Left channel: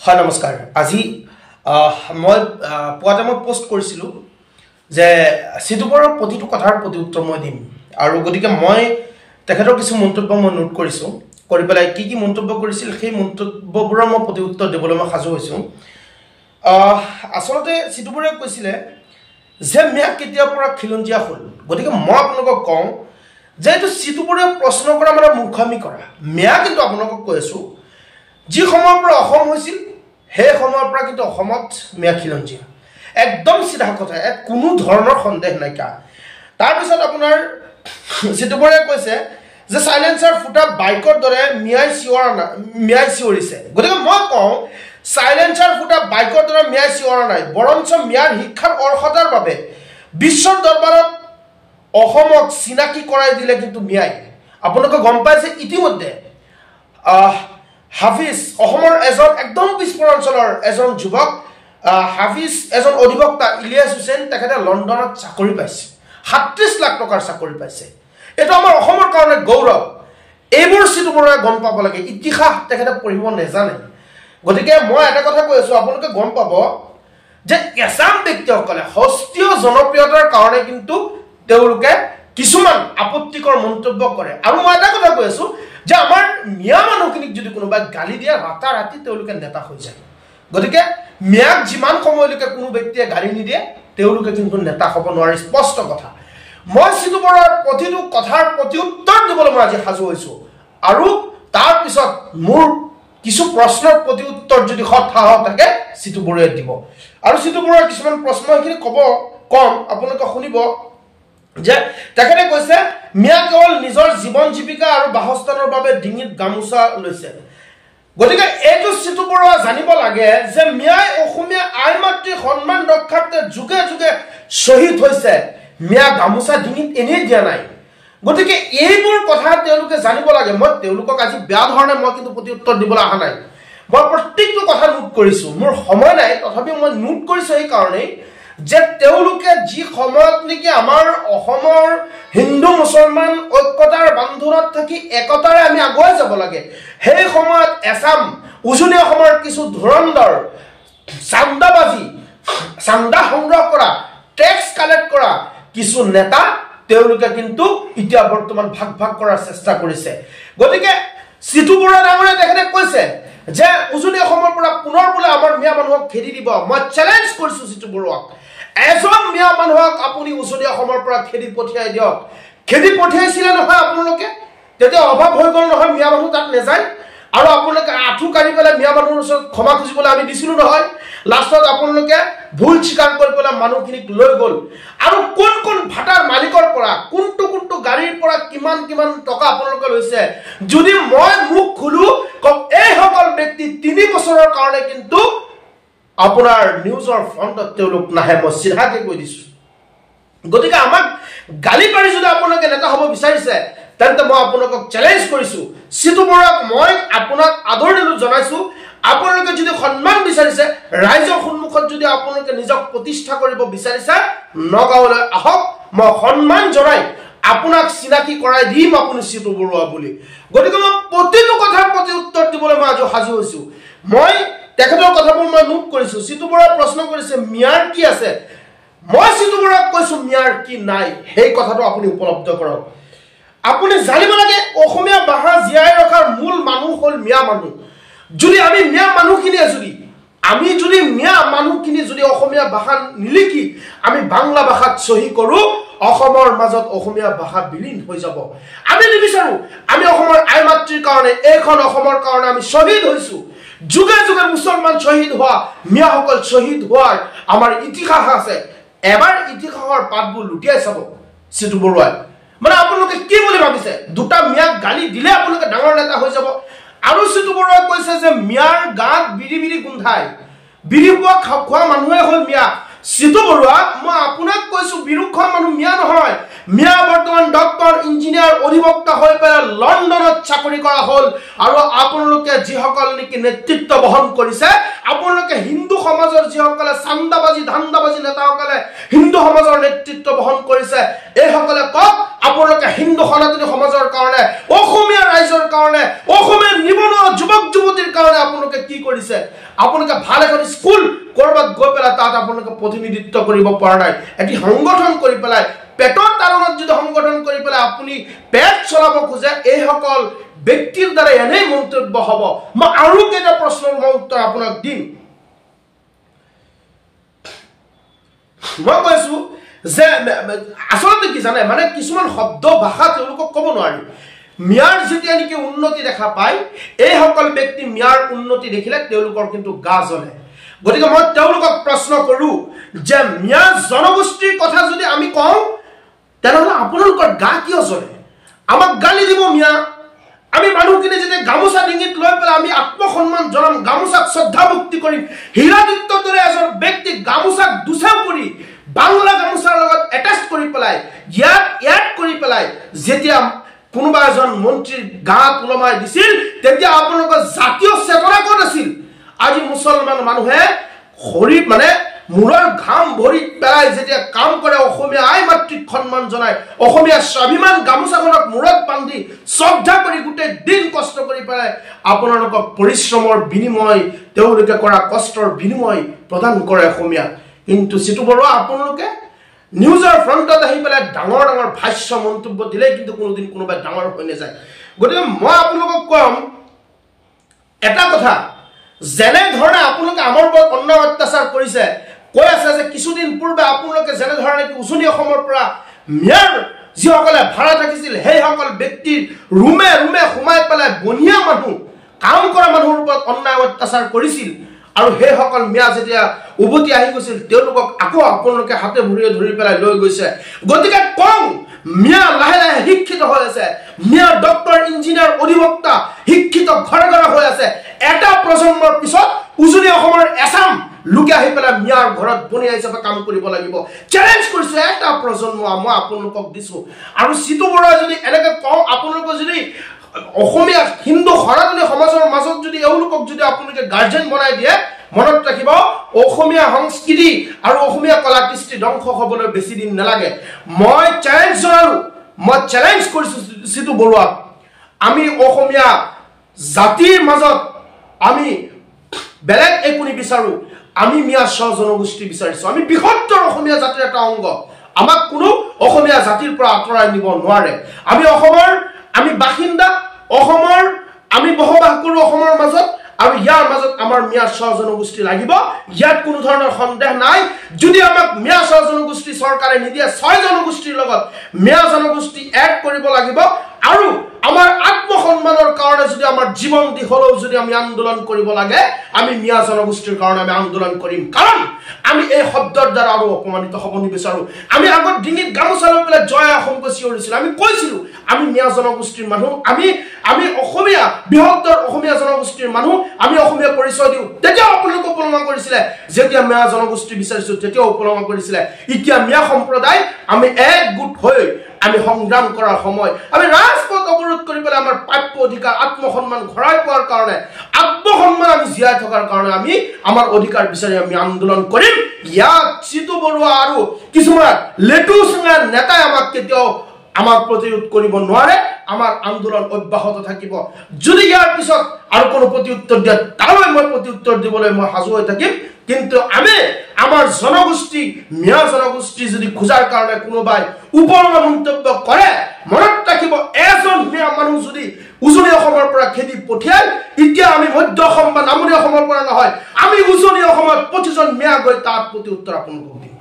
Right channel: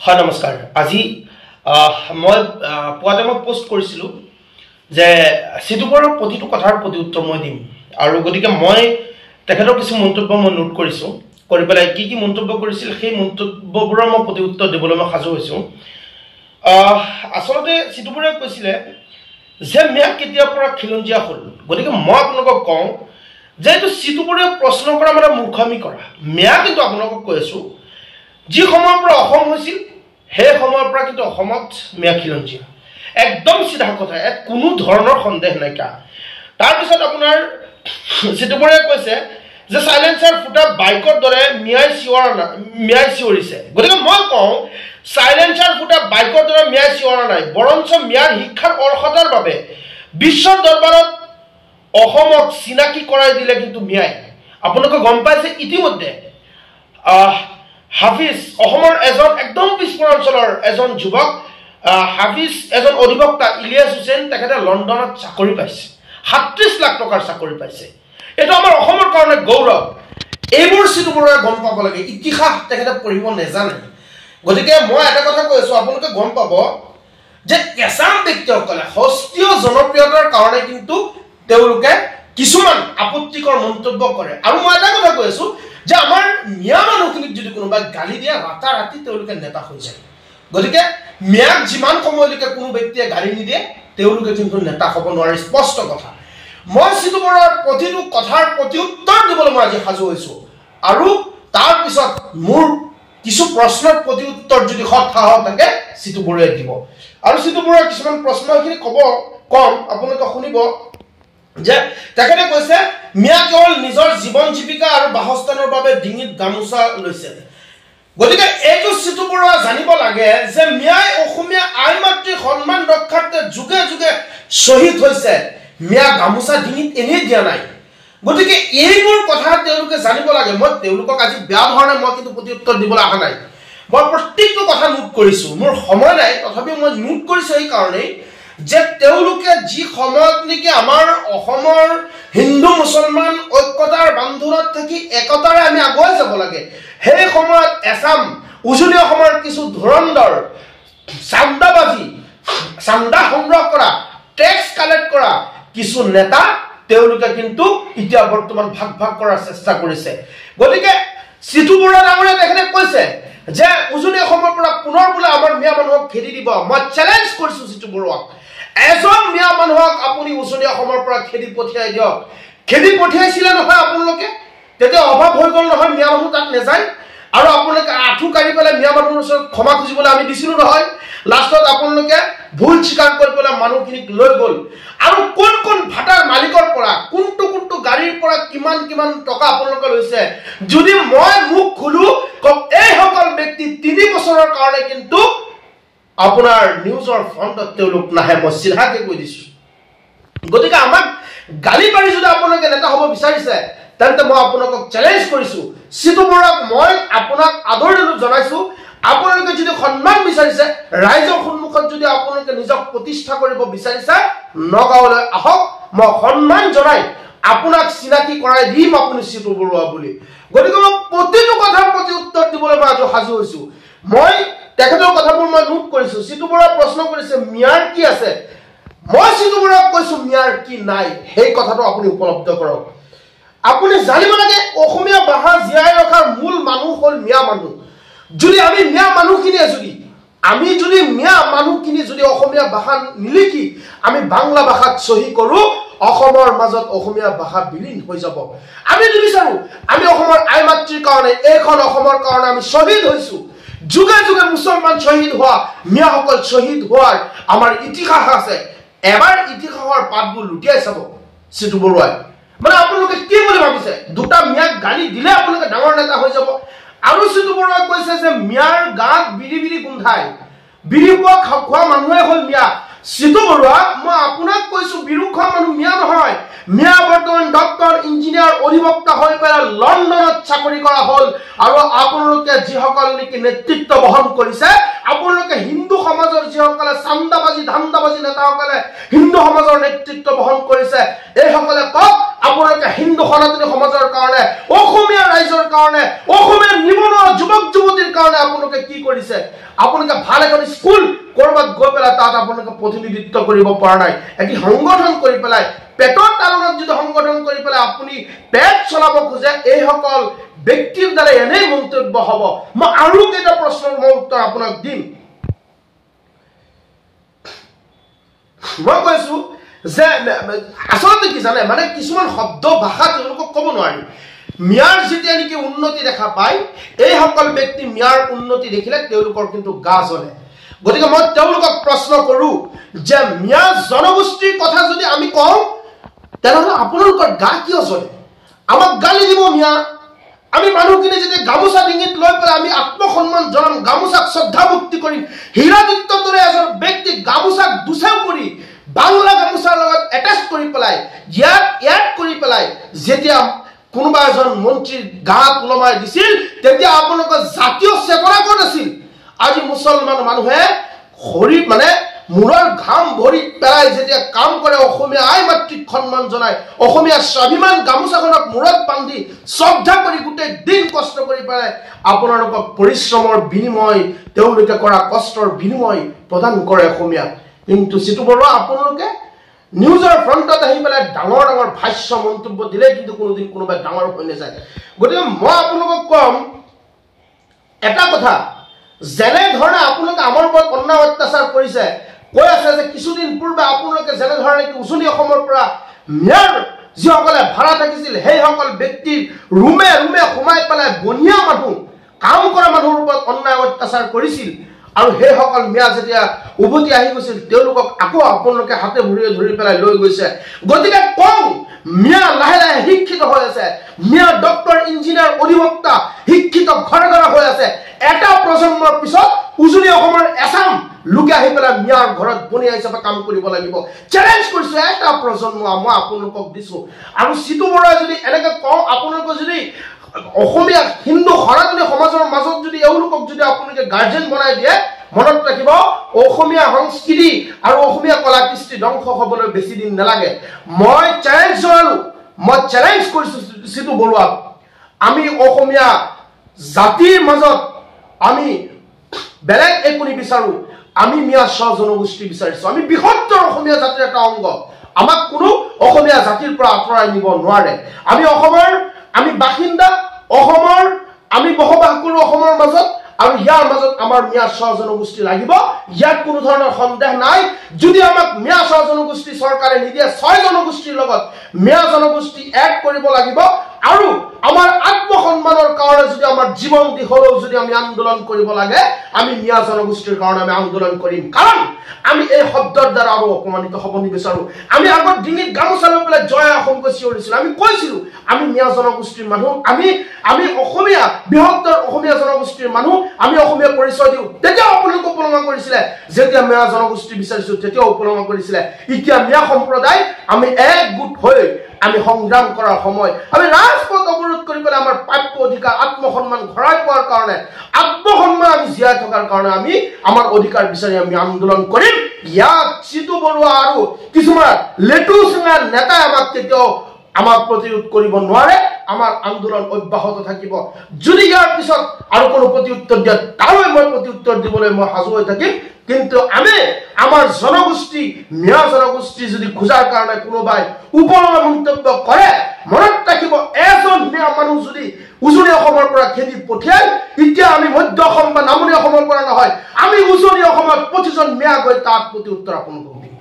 হয় নমস্কাৰ আজি মই পুৱাতে মই পোষ্ট কৰিছিলোঁ যে সিটুপৰৰ প্ৰতিটো কথাৰ প্ৰতি উত্তৰ মই দিম আৰু গতিকে মই তেখেতৰ কিছু মন্তব্য মই নোট কৰিছোঁ কৰি পেলাই কি কি মন্তব্য কৰিছিল সেই মন্তব্যবোৰৰ মই প্ৰতি উত্তৰ দিবলৈ মই সাজু হৈছোঁ আচলতে সিটুপৰে কৈছিলে যে মিয়া কেতিয়াৰ পৰা খিলঞ্জীয়া হ'ল গতিকে মই আপোনালোকক কওঁ যে এইটো সিটুপৰে প্ৰশ্ন কৰা মানে মূৰ্খামি কৰা মিয়া কিন্তু আপোনালোকক কৈ আছোঁ যি সময়ৰ পৰা অসম হৈছিল সেই সময়ৰ পৰা কিন্তু অসমত মিয়া খিলঞ্জীয়া একদম সিধা কথা ইয়াত কোনো ধৰণৰ সন্দেহ নাইকা তাৰপিছত আপোনাৰ সিটুপৰে কৈছে যে সাইলেন্সাৰ ফুটা বাইকৰ দৰে মিয়াই চিঞৰিছে গতিকে মই কওঁ সাইলেন্সাৰ ফুটা বাইকৰ দৰে মিয়াই চিঞৰা নাই বৰঞ্চ মিয়াৰ শিক্ষাৰ অৰ্হতাৰ বাবে বিশ্বৰ দৰবাৰত অসমক চিনাকি কৰাই দিলে কিন্তু মিয়াই আপোনালোকে গম পাইছে ইতিমধ্যে হাফিজ অসমৰ এজন একদম পিছপৰা অঞ্চলৰ এজন যুৱক হাফিজ এজন অধিবক্তা ইলিয়াছ হুছেইন তেখেতে লণ্ডনত চাকৰি পাইছে ৩৭ লাখ টকাৰ চাকৰি পাইছে এইটো আমাৰ অসমৰ কাৰণে গৌৰৱ এইবোৰ সিটুপৰে গম পাব লাগে ইতিহাস তেখেতে পঢ়িব নেজানে গতিকে মই এটা কথা কৈ আছোঁ আপোনালোকে গম পাব যে এছাম ব্যক্তিসকলে হস্তীয় জনপ্ৰিয়তাৰ কাৰণে কিন্তু তেওঁলোকে কিছুমান আপত্তিকৰ মন্তব্য কৰে আৰু মই এটা কথা কৈ আছোঁ যে আমাৰ মিয়া মানুহখিনিক যদি কোনোবাই গালি দিয়ে ৰাতাৰাতি তেওঁলোকে নেতা হৈ যায় গতিকে মিয়াক যিমান সময়লৈকে কোনো ব্যক্তিয়ে গালি নিদিয়ে তেওঁলোকে কিন্তু নেতা হ'ব নোৱাৰে স্পষ্ট কথা মই সিটুপৰৰ প্ৰতিটো কথাৰ প্ৰতি উত্তৰ দিবলৈ মই আজি সাজু হৈছোঁ আৰু তাৰপিছত মোৰ কিছু প্ৰশ্নৰ প্ৰতি উত্তৰ যদি সাহস থাকে সিটুপৰে দিব আৰু সিটুপৰৰ কিছুমান প্ৰশ্ন এইখিনি কম আপোনালোকে শুনিব যে তেখেতে কৈছে মিয়া কেৱল নিজৰ জীৱন জীৱিকা আৰু বাসস্থানৰ বাবে ডিঙিত গামোচা লৈছে গতিকে এইটো সিটুপৰে জানিব লাগে যে মিয়াই অসমীয়া আই মাতৃৰ সন্মান ৰক্ষাৰ্থে যুগে যুগে শ্বহীদ হৈছে মিয়া গামোচা ডিঙিত এনেই দিয়া নাই গতিকে এইবোৰ কথা তেওঁলোকে জানিব লাগে মই তেওঁলোকক আজি বেয়া ধৰণে মই কিন্তু প্ৰতি উত্তৰ দিবলৈ অহা নাই মই প্ৰত্যেকটো কথা নোট কৰিছোঁ মোৰ সময় নাই তথাপিও মই নোট কৰিছোঁ এই কাৰণেই যে তেওঁলোকে যি সময়ত নেকি আমাৰ অসমৰ হিন্দু মুছলমান ঐক্যতাৰ বান্ধোনত থাকি একতাৰে আমি আগুৱাই যাব লাগে সেই সময়ত এছাম উজনি অসমৰ কিছু ধুৰন্ধৰ চান্দা সংগ্ৰহ কৰা টেক্স কালেক্ট কৰা কিছু নেতা তেওঁলোকে কিন্তু এতিয়া বৰ্তমান ভাগ কৰাৰ চেষ্টা কৰিছে গতিকে সিটুপৰে ডাঙৰীয়াই তেখেতে কৈছে যে উজনি অসমৰ পৰা পুনৰ বোলে আমাৰ মিয়া মানুহক খেদি দিব মই চেলেঞ্জ কৰিছোঁ সিটুপৰক এজন মিয়া মানুহক আপুনি উজনি অসমৰ পৰা খেদি পঠিয়াই দিয়ক খেদি পঠিয়াইছিলে নহয় আপোনালোকে তেতিয়া অভাৱ হৈ গ'ল নহয় মিয়া মানুহ তাত নেযায় আৰু আপোনালোকে আঁঠু কাঢ়ি পেলাই মিয়া মানুহৰ ওচৰত ক্ষমা খুজিবলৈ আমি দিছিলোঁ নহয় লাষ্টত আপোনালোকে ভুল স্বীকাৰ কৰি পেলাই মানুহখিনিক লৈ গ'ল আৰু কোন কোন ভাটাৰ মালিকৰ পৰা কোনটো গাড়ীৰ পৰা কিমান টকা আপোনালোকে লৈছে যদি মই মুখ খোলো এইসকল ব্যক্তি ৩ বছৰৰ কাৰণে কিন্তু আপোনাৰ নিউজৰ ফ্ৰণ্টত তেওঁলোক নাহে মই চিধাকে কৈ দিছোঁ গতিকে আমাক গালি পাৰি যদি আপোনালোকে নেতা হ'ব বিচাৰিছে তেন্তে মই আপোনালোকক চেলেঞ্জ কৰিছোঁ সিটুপৰক মই আপোনাক আদৰণি জনাইছোঁ আপোনালোকে যদি সন্মান বিচাৰিছে ৰাইজৰ সন্মুখত যদি আপোনালোকে নিজক প্ৰতিষ্ঠা কৰিব বিচাৰিছে নগাঁৱলৈ আহক মই সন্মান জনাই আপোনাক চিনাকি কৰাই দিম আপুনি সিটুপৰ বুলি গতিকে মই প্ৰতিটো কথাৰ প্ৰতি উত্তৰ দিবলৈ মই আজি সাজু হৈছোঁ মই তেখেতৰ কথাবোৰ মই নোট কৰিছোঁ সিটুপৰে প্ৰশ্ন কৰিছে মিয়াৰ কি আছে মই সিটুপৰক কৈছোঁ মিয়াৰ কি নাই সেই কথাটো আপুনি উপলব্ধ কৰক আপুনি জানিব লাগে অসমীয়া ভাষা জীয়াই ৰখাৰ মূল মানুহ হ'ল মিয়া মানুহ যদি আমি মিয়া মানুহখিনিয়ে যদি অসমীয়া ভাষা নিলিখি আমি বাংলা ভাষাত চহী কৰোঁ অসমৰ মাজত অসমীয়া ভাষা বিলীন হৈ যাব আমি নিবিচাৰোঁ আমি অসমৰ আই মাতৃৰ কাৰণে এইখন অসমৰ কাৰণে আমি শ্বহীদ হৈছোঁ যুগে যুগে মুছলমান শ্বহীদ হোৱা মিয়াসকল শ্বহীদ হোৱাৰ আমাৰ ইতিহাস আছে এবাৰ ইতিহাসৰ পাতবোৰ লুটিয়াই চাব সিটুপৰাই মানে আপোনালোকে কি বুলি ভাবিছে দুটা মিয়াক গালি দিলে আপোনালোকে ডাঙৰ নেতা হৈ যাব আৰু সিটুপৰাই কৈছে যে মিয়াৰ গাত বিৰি গোন্ধাই বিৰি খোৱা মানুহে হ'ল মিয়া সিটুপৰাই মই আপোনাক কৈছোঁ বিৰু খোৱা মানুহ মিয়া নহয় মিয়া বৰ্তমান ডক্টৰ ইঞ্জিনিয়াৰ অধিবক্তা হৈ পেলাই লণ্ডনত চাকৰি কৰা হ'ল আৰু আপোনালোকে যিসকল নেকি নেতৃত্ব বহন কৰিছে আপোনালোকে হিন্দু সমাজৰ যিসকলে চান্দাবাজি ধান্দাবাজি নেতাসকলে হিন্দু সমাজৰ নেতৃত্ব বহন কৰিছে এইসকলে কওক আপোনালোকে হিন্দু সনাতনী সমাজৰ কাৰণে অসমীয়া ৰাইজৰ কাৰণে অসমীয়া নিবনুৱা যুৱক যুৱতীৰ কাৰণে আপোনালোকে কি কৰিছে আপোনালোকে ভাল এখন স্কুল কৰবাত গৈ পেলাই তাত আপোনালোকে প্ৰতিনিধিত্ব কৰিব পৰা নাই এটি সংগঠন কৰি পেলাই পেটৰ তাৰণত যদি সংগঠন কৰি পেলাই আপুনি পেট চলাব খোজে এই সকল ব্যক্তিৰ দ্বাৰা এনে মন্তব্য হ'ব মই আৰু কেইটা প্ৰশ্নৰ উত্তৰ আপোনাক দিম মই কৈছো যে আসলতে কি জানে মানে কিছুমান শব্দ ভাষা তেওঁলোকক ক'ব নোৱাৰি মিয়াৰ যেতিয়া নেকি উন্নতি দেখা পায় এই সকল ব্যক্তি মিয়াৰ উন্নতি দেখিলে তেওঁলোকৰ কিন্তু গা জ্বলে গতিকে মই তেওঁলোকক প্ৰশ্ন কৰো যে মিয়া জনগোষ্ঠীৰ কথা যদি আমি কওঁ তেনেহ'লে আপোনালোকৰ গা কিয় জ্বলে আমাক গালি দিব মিয়া আমি মানুহখিনি যেতিয়া গামোচা ডিঙিত লৈ পেলাই আমি আত্মসন্মান জনাম গামোচাক শ্ৰদ্ধা ভক্তি কৰিম হীৰাদিত্যৰ দৰে এজন ব্যক্তি গামোচাক দুচাও কৰি বাংলা গামোচাৰ লগত এটাচ কৰি পেলাই ইয়াত কৰি পেলাই যেতিয়া কোনোবা এজন মন্ত্ৰীৰ গাত ওলমাই দিছিল তেতিয়া আপোনালোকৰ জাতীয় চেতনা ক'ত আছিল আজি মুছলমান মানুহে হৰি মানে মূৰৰ ঘাম ভৰি পেলাই যেতিয়া কাম কৰে অসমীয়া আই মাতৃক সন্মান জনায় অসমীয়া স্বাভিমান গামোচাখনক মূৰত বান্ধি শ্ৰদ্ধা কৰি গোটেই দিন কষ্ট কৰি পেলাই আপোনালোকক পৰিশ্ৰমৰ বিনিময় তেওঁলোকে কৰা কষ্টৰ বিনিময় প্ৰদান কৰে অসমীয়া কিন্তু সিটো বৰুৱা আপোনালোকে নিউজৰ ফ্ৰণ্টত আহি পেলাই ডাঙৰ ডাঙৰ ভাষ্য মন্তব্য দিলে কিন্তু কোনোদিন কোনোবাই ডাঙৰ হৈ নাযায় গতিকে মই আপোনালোকক কম এটা কথা যেনে ধৰণে আপোনালোকে আমাৰ ওপৰত অন্যায় অত্যাচাৰ কৰিছে কৈ আছে যে কিছুদিন পূৰ্বে আপোনালোকে যেনে ধৰণে উজনি অসমৰ পৰা মিয়াৰ যিসকলে ভাড়া থাকিছিল সেইসকল ব্যক্তিৰ ৰুমে ৰুমে সোমাই পেলাই বনিয়া মানুহ কাম কৰা মানুহৰ ওপৰত অন্যায় অত্যাচাৰ কৰিছিল আৰু সেইসকল মিয়া যেতিয়া উভতি আহি গৈছিল তেওঁলোকক আকৌ আপোনালোকে হাতে ভৰিয়ে ধৰি পেলাই লৈ গৈছে গতিকে কম মিয়া লাহে লাহে শিক্ষিত হৈ আছে মিয়া ডক্টৰ ইঞ্জিনিয়াৰ অধিবক্তা শিক্ষিত ঘৰে ঘৰে হৈ আছে এটা প্ৰজন্মৰ পিছত উজনি অসমৰ এছাম লোকে আহি পেলাই মিয়াৰ ঘৰত বনিয়া হিচাপে কাম কৰিব লাগিব চ্যালেঞ্জ কৰিছো এটা প্ৰজন্ম মই আপোনালোকক দিছো আৰু সিটো বৰা যদি এনেকৈ কওঁ আপোনালোকে যদি অসমীয়া হিন্দু সনাতনী সমাজৰ মাজত যদি এওঁলোকক যদি আপোনালোকে গাৰ্জেন বনাই দিয়ে মনত ৰাখিব অসমীয়া সংস্কৃতি আৰু অসমীয়া কলা কৃষ্টি ধ্বংস হ'বলৈ বেছি দিন নালাগে মই চ্যালেঞ্জ কৰিছো সিটো বৰুৱাক আমি অসমীয়া জাতিৰ মাজত আমি বেলেগ একো নিবিচাৰো আমি মিয়া স্ব জনগোষ্ঠী বিচাৰিছো আমি বৃহত্তৰ অসমীয়া জাতিৰ এটা অংগ আমাক কোনো অসমীয়া জাতিৰ পৰা আঁতৰাই নিব নোৱাৰে আমি অসমৰ আমি বাসিন্দা অসমৰ আমি বসবাস কৰো অসমৰ মাজত আৰু ইয়াৰ মাজত আমাৰ মিয়া স্ব জনগোষ্ঠী লাগিব ইয়াত কোনো ধৰণৰ সন্দেহ নাই যদি আমাক মিয়া স্ব জনগোষ্ঠী চৰকাৰে নিদিয়ে ছয় জনগোষ্ঠীৰ লগত মিয়া জনগোষ্ঠী এড কৰিব লাগিব আৰু আমাৰ আত্মসন্মানৰ কাৰণে যদি আমাৰ জীৱন দি হলেও যদি আমি আন্দোলন কৰিব লাগে আমি মিয়া জনগোষ্ঠীৰ কাৰণে আমি আন্দোলন কৰিম কাৰণ আমি এই শব্দৰ দ্বাৰা আৰু অপমানিত হ'ব নিবিচাৰো আমি আগত ডিঙিত গামোচা লৈ পেলাই জয় অসম কৈছিলো আমি কৈছিলো আমি মিয়া জনগোষ্ঠীৰ মানুহ আমি অসমীয়া বৃহত্তৰ অসমীয়া জনগোষ্ঠীৰ মানুহ আমি অসমীয়া পৰিচয় দিওঁ তেতিয়া আপোনালোকে উপলব্ধ কৰিছিলে যেতিয়া মিয়া জনগোষ্ঠী বিচাৰিছো তেতিয়া উপলব্ধ কৰিছিলে এতিয়া মিয়া সম্প্ৰদায় আমি একগোট হৈ আমি সংগ্ৰাম কৰাৰ সময় আমি ৰাজপথ অৱৰোধ কৰি পেলাই আমাৰ প্ৰাপ্য অধিকাৰ আত্মসন্মান ঘূৰাই পোৱাৰ কাৰণে আত্মসন্মান আমি জীয়াই থকাৰ কাৰণে আমি আমাৰ অধিকাৰ বিচাৰি আমি আন্দোলন কৰিম ইয়াত সিটো বৰুৱা আৰু কিছুমান লেটু সিঙাৰ নেতাই আমাক কেতিয়াও আমাৰ প্ৰতিৰোধ কৰিব নোৱাৰে আমাৰ আন্দোলন অব্যাহত থাকিব যদি ইয়াৰ পিছত আৰু কোনো প্ৰতিউত্তৰ দিয়ে তালৈ মই প্ৰতিউত্তৰ দিবলৈ মই সাজু হৈ থাকিম কিন্তু আমি আমাৰ জনগোষ্ঠী মিয়া জনগোষ্ঠী যদি খোজাৰ কাৰণে কোনোবাই উপলব্ধ মন্তব্য কৰে মনত ৰাখিব এজন মিয়া মানুহ যদি উজনি অসমৰ পৰা খেদি পঠিয়াই এতিয়া আমি মধ্য অসম বা নামনি অসমৰ পৰা নহয় আমি উজনি অসমত প্ৰতিজন মিয়া গৈ তাত প্ৰতিউত্তৰ আপোনালোকক দিম